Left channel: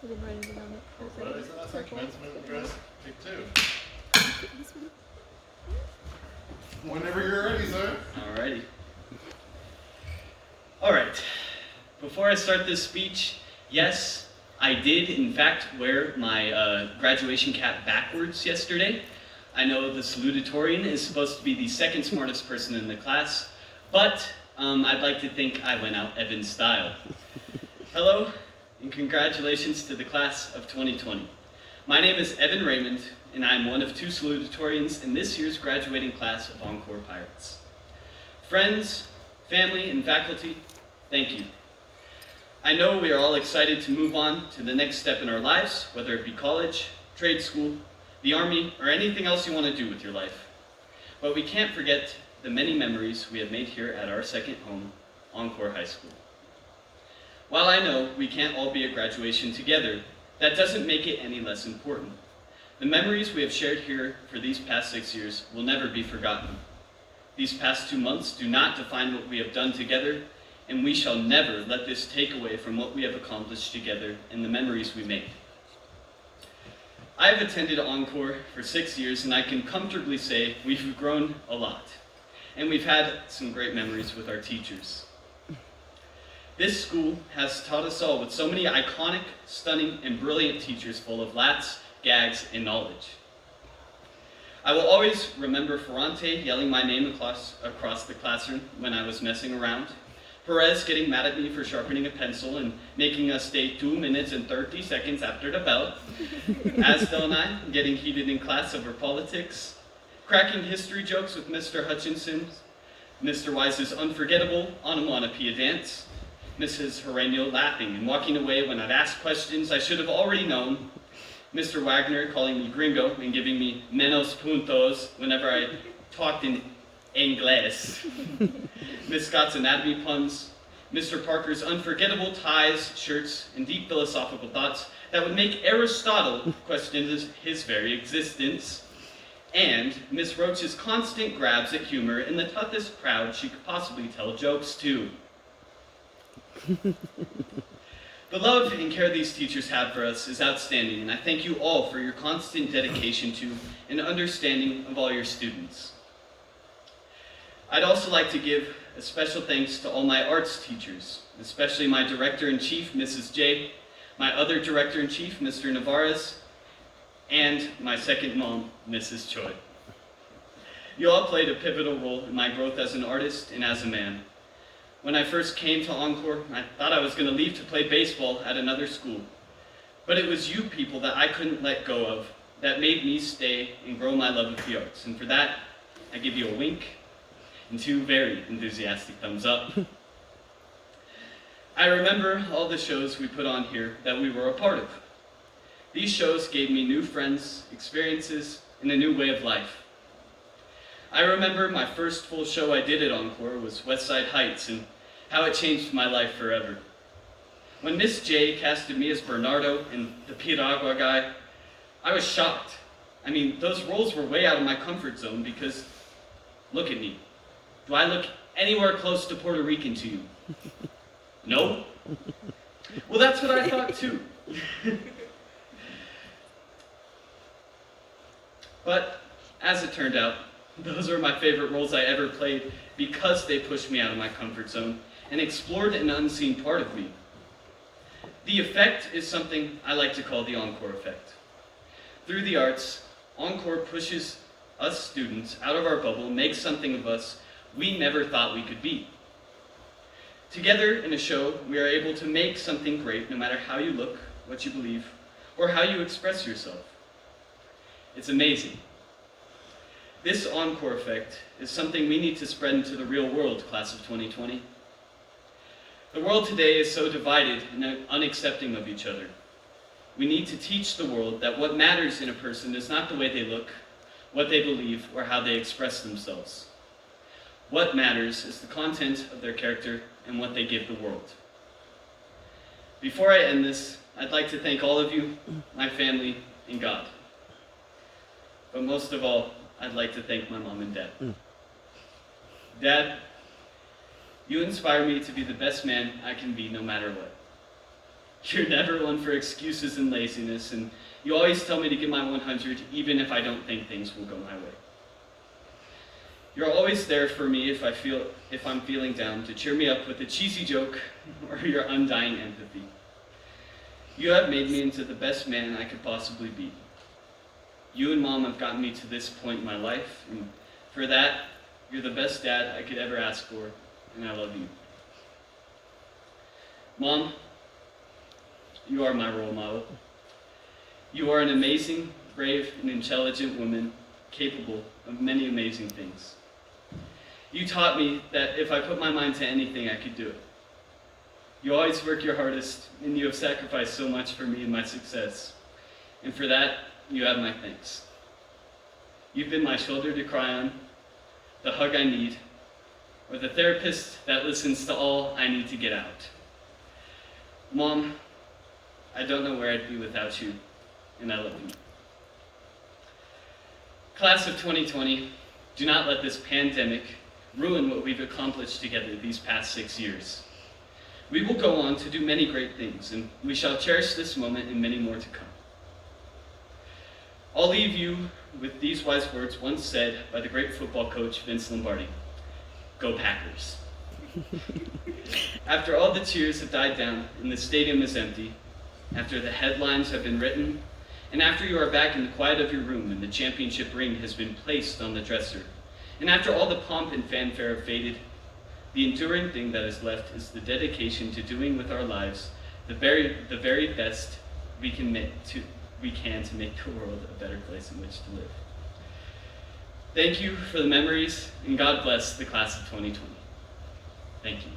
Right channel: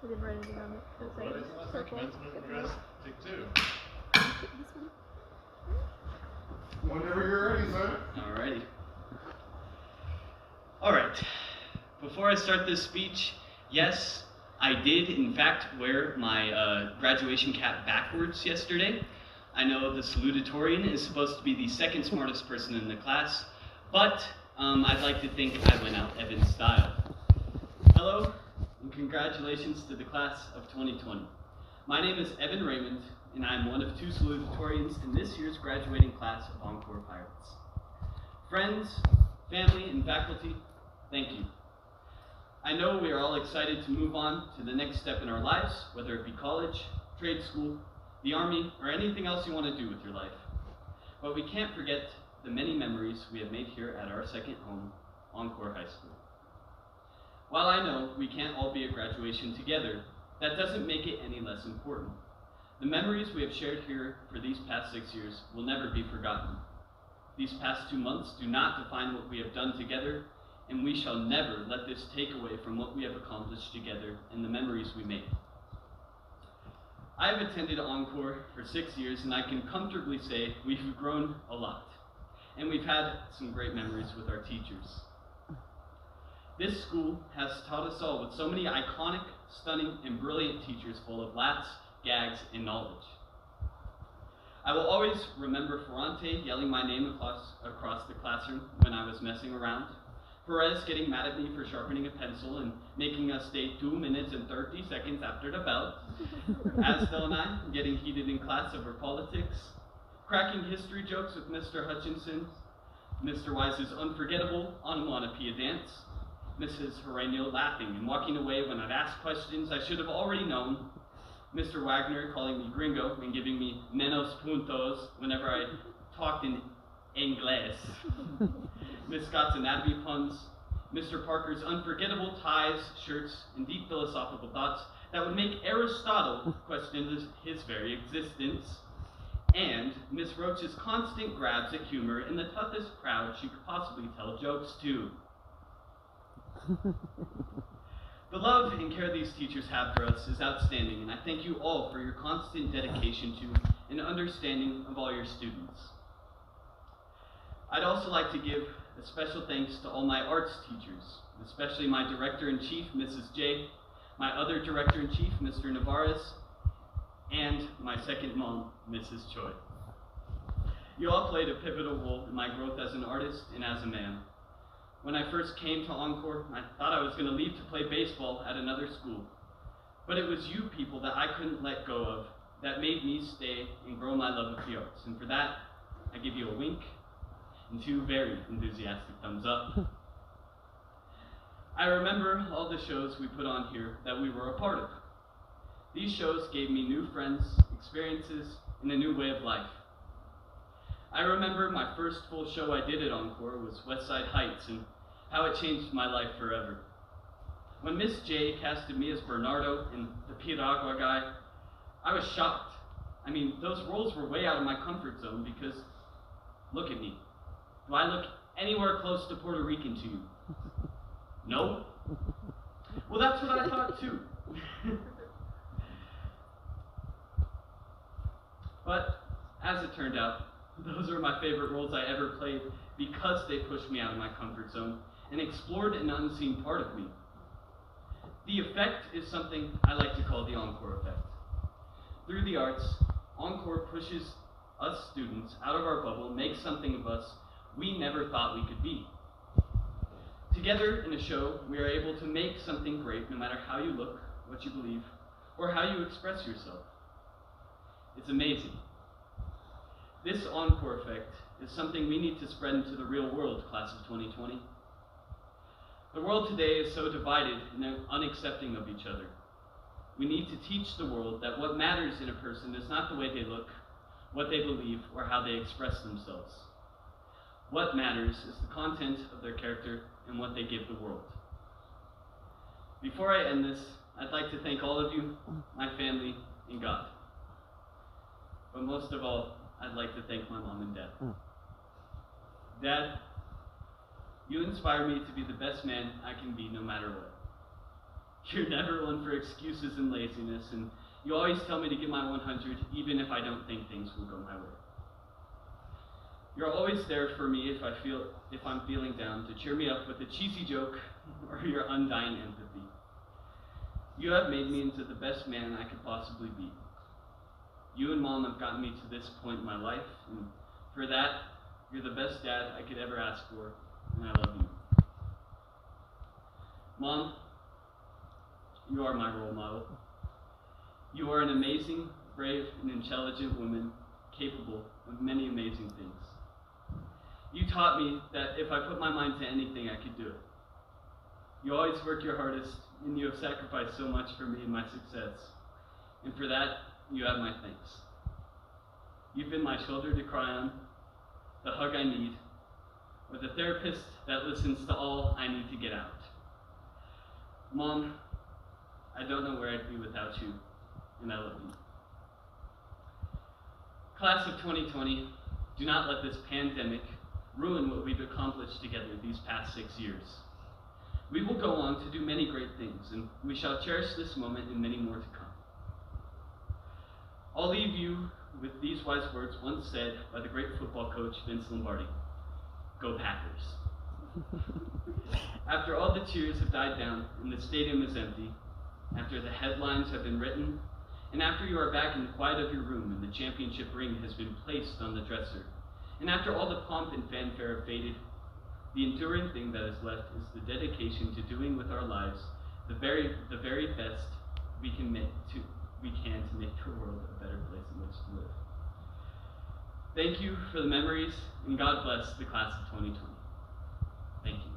I didn't write anything on it. What did I say last time? Commencement address, take two. This one. Whenever you're ready, sir. Alrighty. Alright. Before I start this speech, yes, I did in fact wear my graduation cap backwards yesterday. I know the salutatorian is supposed to be the second smartest person in the class, but I'd like to think I went out Evan style. Hello, and congratulations to the class of 2020. My name is Evan Raymond, and I am one of two salutatorians in this year's graduating class of Encore Pirates. Friends, family, and faculty, thank you. I know we are all excited to move on to the next step in our lives, whether it be college, trade school, the Army, or anything else you want to do with your life. But we can't forget the many memories we have made here at our second home, Encore High School. While I know we can't all be at graduation together, that doesn't make it any less important. The memories we have shared here for these past 6 years will never be forgotten. These past 2 months do not define what we have done together, and we shall never let this take away from what we have accomplished together and the memories we made. I have attended Encore for 6 years, and I can comfortably say we've grown a lot, and we've had some great memories with our teachers. This school has taught us all with so many iconic, stunning, and brilliant teachers full of laughs, gags, and knowledge. I will always remember Ferrante yelling my name across the classroom when I was messing around, Perez getting mad at me for sharpening a pencil and making us stay 2 minutes and 30 seconds after the bell, Asdell and I getting heated in class over politics, cracking history jokes with Mr. Hutchinson, Mr. Wise's unforgettable onomatopoeia dance, Mrs. Herenio laughing and walking away when I'd ask questions I should have already known, Mr. Wagner calling me gringo and giving me menos puntos whenever I talked in English, Miss Scott's anatomy puns, Mr. Parker's unforgettable ties, shirts, and deep philosophical thoughts that would make Aristotle question his very existence, and Miss Roach's constant grabs at humor in the toughest crowd she could possibly tell jokes to. The love and care these teachers have for us is outstanding, and I thank you all for your constant dedication to and understanding of all your students. I'd also like to give a special thanks to all my arts teachers, especially my Director-in-Chief, Mrs. J, my other Director-in-Chief, Mr. Navarez, and my second mom, Mrs. Choi. You all played a pivotal role in my growth as an artist and as a man. When I first came to Encore, I thought I was going to leave to play baseball at another school. But it was you people that I couldn't let go of that made me stay and grow my love of the arts. And for that, I give you a wink and 2 very enthusiastic thumbs up. I remember all the shows we put on here that we were a part of. These shows gave me new friends, experiences, and a new way of life. I remember my first full show I did at Encore was West Side Heights and how it changed my life forever. When Miss J casted me as Bernardo and the Piragua guy, I was shocked. I mean, those roles were way out of my comfort zone because, look at me. Do I look anywhere close to Puerto Rican to you? No? Well, that's what I thought too. But, as it turned out, those are my favorite roles I ever played because they pushed me out of my comfort zone and explored an unseen part of me. The effect is something I like to call the Encore effect. Through the arts, Encore pushes us students out of our bubble, makes something of us we never thought we could be. Together in a show, we are able to make something great no matter how you look, what you believe, or how you express yourself. It's amazing. This Encore effect is something we need to spread into the real world, class of 2020. The world today is so divided and unaccepting of each other. We need to teach the world that what matters in a person is not the way they look, what they believe, or how they express themselves. What matters is the content of their character and what they give the world. Before I end this, I'd like to thank all of you, my family, and God. But most of all, I'd like to thank my mom and dad. Dad, you inspire me to be the best man I can be no matter what. You're never one for excuses and laziness, and you always tell me to give my 100 even if I don't think things will go my way. You're always there for me if I'm feeling down, to cheer me up with a cheesy joke or your undying empathy. You have made me into the best man I could possibly be. You and Mom have gotten me to this point in my life, and for that, you're the best dad I could ever ask for, and I love you. Mom, you are my role model. You are an amazing, brave, and intelligent woman, capable of many amazing things. You taught me that if I put my mind to anything, I could do it. You always work your hardest, and you have sacrificed so much for me and my success. And for that, you have my thanks. You've been my shoulder to cry on, the hug I need, or the therapist that listens to all I need to get out. Mom, I don't know where I'd be without you, and I love you. Class of 2020, do not let this pandemic ruin what we've accomplished together these past 6 years. We will go on to do many great things, and we shall cherish this moment and many more to come. I'll leave you with these wise words once said by the great football coach Vince Lombardi: "Go Packers." After all the cheers have died down and the stadium is empty, after the headlines have been written, and after you are back in the quiet of your room and the championship ring has been placed on the dresser, and after all the pomp and fanfare have faded, the enduring thing that is left is the dedication to doing with our lives the very best we can to make the world a better place in which to live. Thank you for the memories, and God bless the class of 2020. Thank you.